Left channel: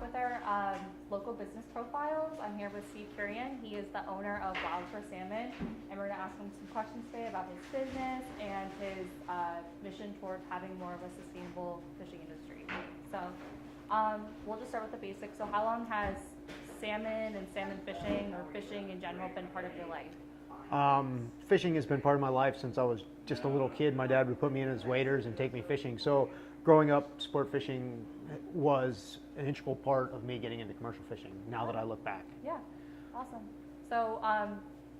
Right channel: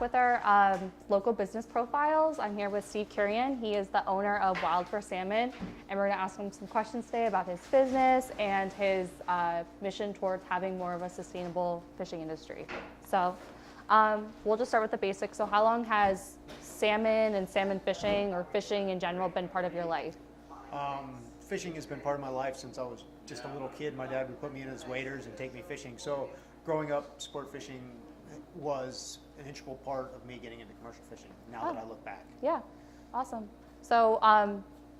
back with our local business profiles. I'm here with Steve Kurian. He is the owner of Wild for Salmon, and we're going to ask him some questions today about his business and his mission towards having more of a sustainable fishing industry. So we'll just start with the basics. So how long has salmon and salmon fishing or fishing in general been part of your life? Fishing has been part of my life since I was just a little kid. My dad would put me in his waders and take me fishing. So growing up, sport fishing was an integral part of me getting into commercial fishing now that I look back. Yeah, awesome. So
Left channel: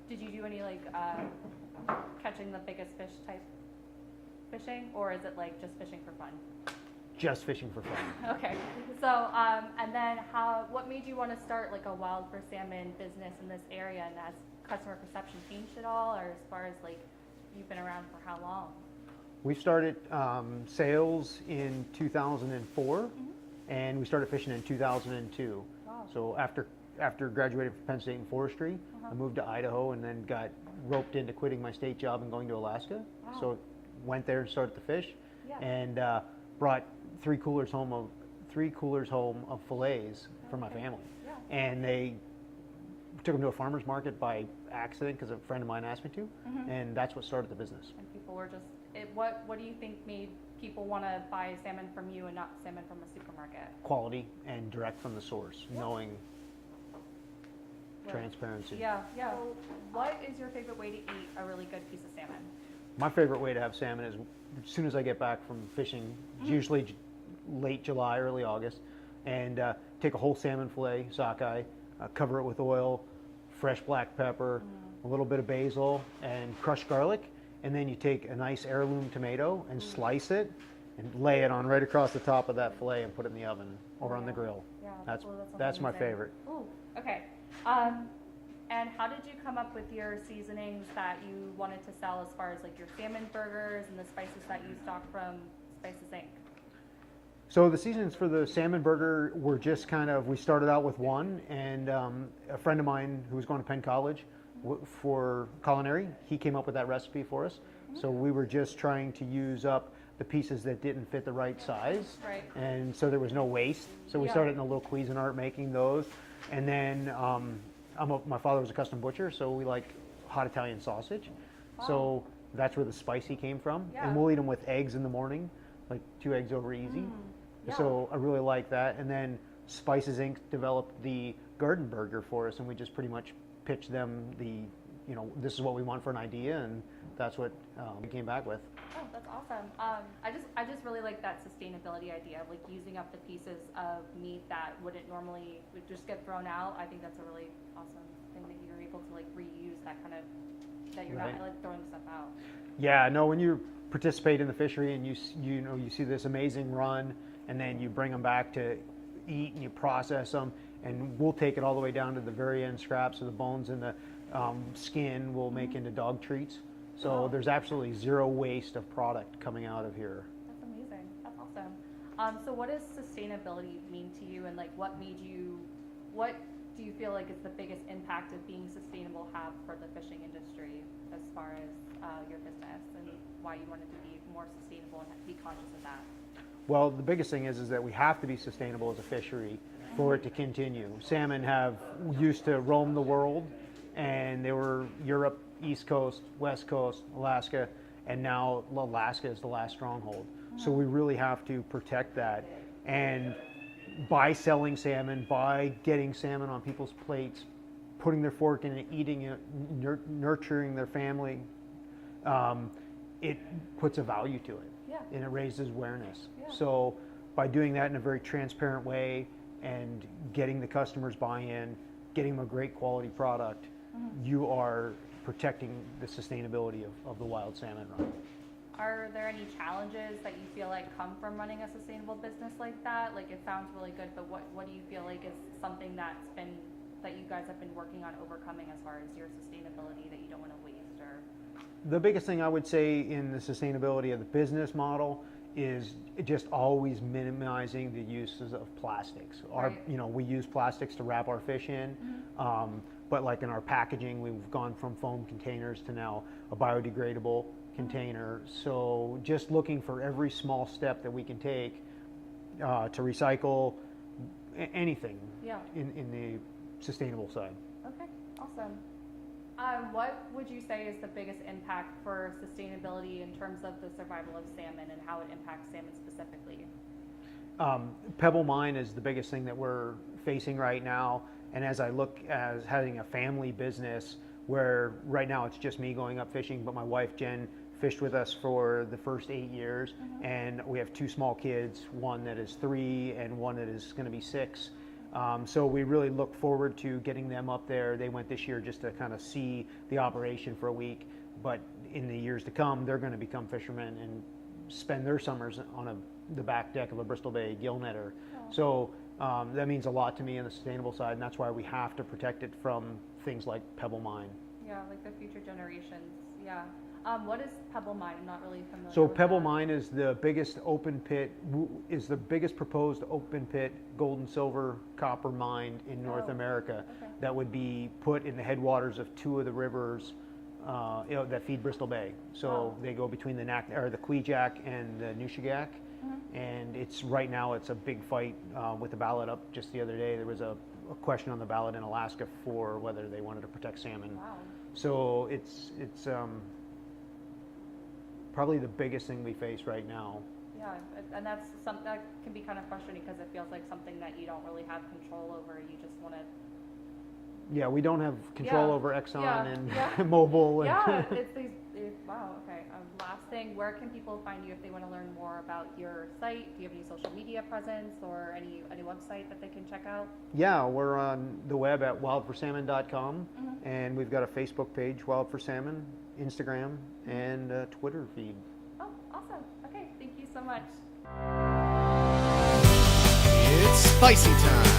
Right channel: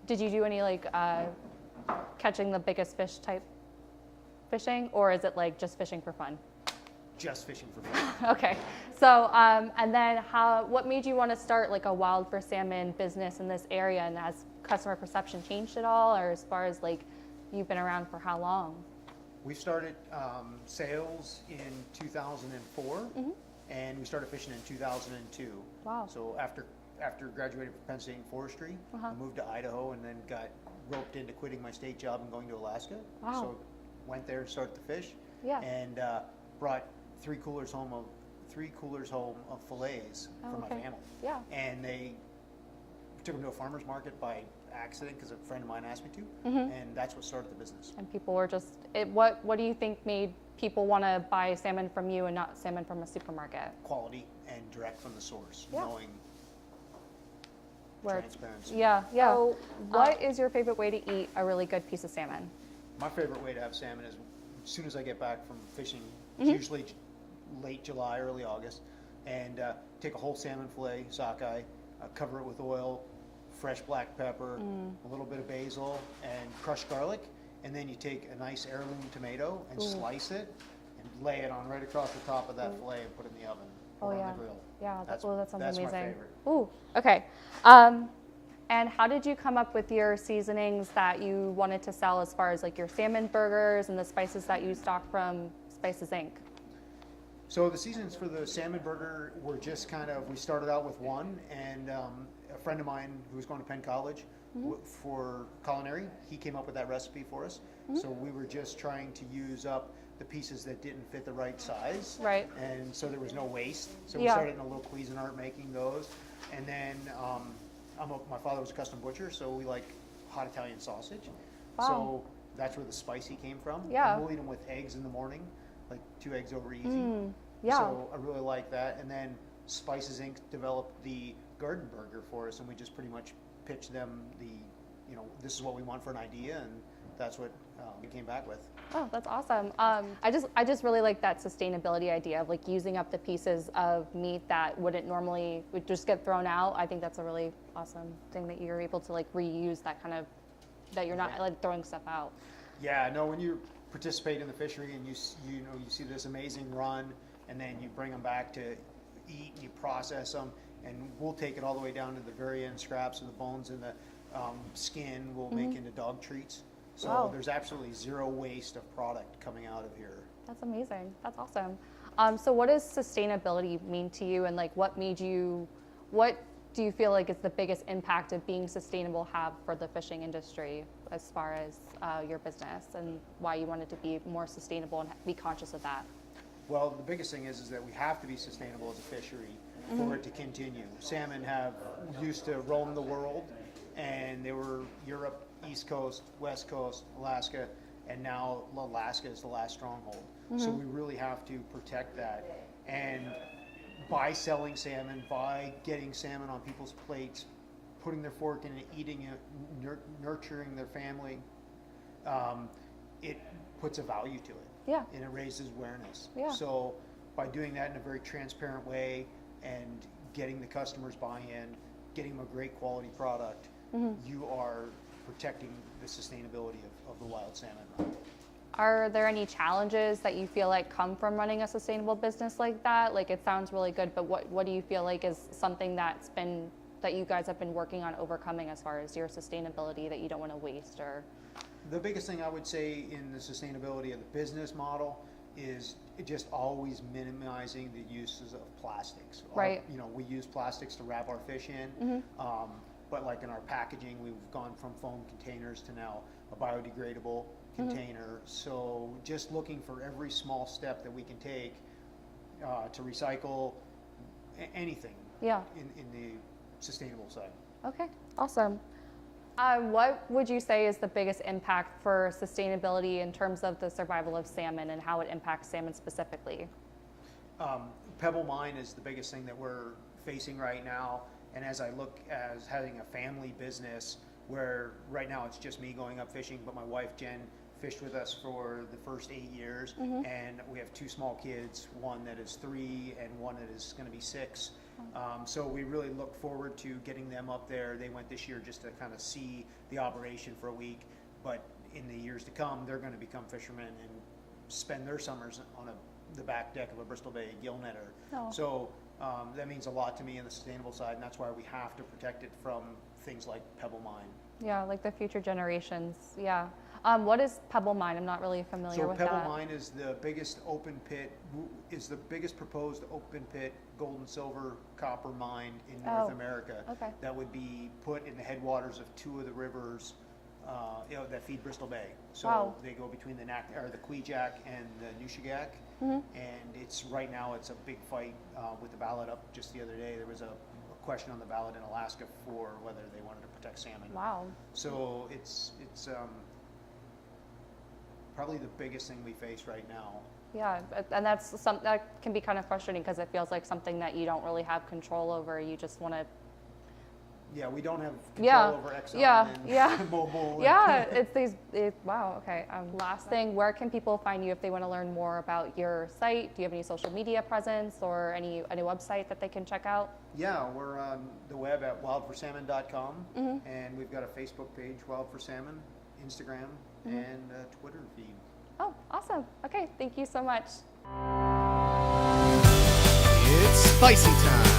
did you do any like catching the biggest fish type fishing, or is it like just fishing for fun? Just fishing for fun. Okay. So and then what made you want to start like a Wild for Salmon business in this area, and has customer perception changed at all, or as far as like you've been around for how long? We started sales in 2004, and we started fishing in 2002. Wow. So after graduating from Penn State in forestry, I moved to Idaho and then got roped into quitting my state job and going to Alaska. Wow. So went there and started to fish, Yeah. and brought three coolers home of fillets for my family. Yeah. And they took them to a farmer's market by accident because a friend of mine asked me to, and that's what started the business. And people were just, what do you think made people want to buy salmon from you and not salmon from a supermarket? Quality and direct from the source, knowing transparency. Yeah, yeah. So what is your favorite way to eat a really good piece of salmon? My favorite way to have salmon is as soon as I get back from fishing, usually late July, early August, and take a whole salmon fillet, sockeye, cover it with oil, fresh black pepper, a little bit of basil, and crushed garlic, and then you take a nice heirloom tomato and slice it and lay it on right across the top of that fillet and put it in the oven or on the grill. Yeah, that sounds that's amazing. my favorite. Ooh, okay. And how did you come up with your seasonings that you wanted to sell, as far as like your salmon burgers and the spices that you stock from Spices Inc.? So the seasonings for the salmon burger were just we started out with one, and a friend of mine who was going to Penn College for culinary, he came up with that recipe for us. So we were just trying to use up the pieces that didn't fit the right size. Right. And so there was no waste. So we started in a little Cuisinart making those. And then my father was a custom butcher, so we like hot Italian sausage. Wow. So that's where the spicy came from. Yeah. And we'll eat them with eggs in the morning, like 2 eggs over easy. Yeah. So I really like that. And then Spices Inc. developed the garden burger for us, and we just pretty much pitched them this is what we want for an idea, and that's what we came back with. Oh, that's awesome. I just really like that sustainability idea of like using up the pieces of meat that would just get thrown out. I think that's a really awesome thing that you're able to like reuse that you're not like throwing stuff out. Yeah, no, when you participate in the fishery and you see this amazing run, and then you bring them back to eat and you process them, and we'll take it all the way down to the very end scraps of the bones and the skin we'll make into dog treats. So there's absolutely zero waste of product coming out of here. That's amazing. That's awesome. So what does sustainability mean to you, and like what do you feel like is the biggest impact of being sustainable have for the fishing industry, as far as your business, and why you wanted to be more sustainable and be conscious of that? Well, the biggest thing is that we have to be sustainable as a fishery for it to continue. Salmon used to roam the world, and they were Europe, East Coast, West Coast, Alaska, and now Alaska is the last stronghold. So we really have to protect that. And by selling salmon, by getting salmon on people's plates, putting their fork in it, eating it, nurturing their family, it puts a value to it. Yeah. And it raises awareness. Yeah. So by doing that in a very transparent way and getting the customers buy-in, getting them a great quality product, you are protecting the sustainability of the wild salmon run. Are there any challenges that you feel like come from running a sustainable business like that? Like, it sounds really good, but what do you feel like is something that you guys have been working on overcoming as far as your sustainability that you don't want to waste? Or the biggest thing I would say in the sustainability of the business model is just always minimizing the uses of plastics. Right. We use plastics to wrap our fish in, but like in our packaging, we've gone from foam containers to now a biodegradable container. So just looking for every small step that we can take to recycle, anything Yeah. in the sustainable side. Okay, awesome. What would you say is the biggest impact for sustainability in terms of the survival of salmon and how it impacts salmon specifically? Pebble Mine is the biggest thing that we're facing right now. And as I look as having a family business where right now it's just me going up fishing, but my wife Jenn fished with us for the first 8 years, and we have 2 small kids, one that is 3 and one that is going to be 6. So we really look forward to getting them up there. They went this year just to kind of see the operation for a week, but in the years to come, they're going to become fishermen and spend their summers on the back deck of a Bristol Bay gill netter. Oh. So that means a lot to me on the sustainable side, and that's why we have to protect it from things like Pebble Mine. Yeah, like the future generations. Yeah. What is Pebble Mine? I'm not really familiar So with Pebble that. Mine is the biggest open pit, is the biggest proposed open pit gold and silver copper mine in North Oh, America. okay. That would be put in the headwaters of 2 of the rivers that feed Bristol Bay. So Wow. they go between the Queejack and the Nushagak. And it's right now it's a big fight with the ballot up just the other day. There was a question on the ballot in Alaska for whether they wanted to protect salmon. Wow. So it's probably the biggest thing we face right now. Yeah, and that can be kind of frustrating because it feels like something that you don't really have control over. You just want to. Yeah, we don't have control Yeah, over Exxon yeah, and yeah. Mobil. And Yeah, it's these. Wow. Okay. Last thing, where can people find you if they want to learn more about your site? Do you have any social media presence or any website that they can check out? Yeah, we're on the web at wildforsalmon.com, and we've got a Facebook page, Wild for Salmon, Instagram, and a Twitter feed. Oh, awesome. Okay. Thank you so much. It's spicy time.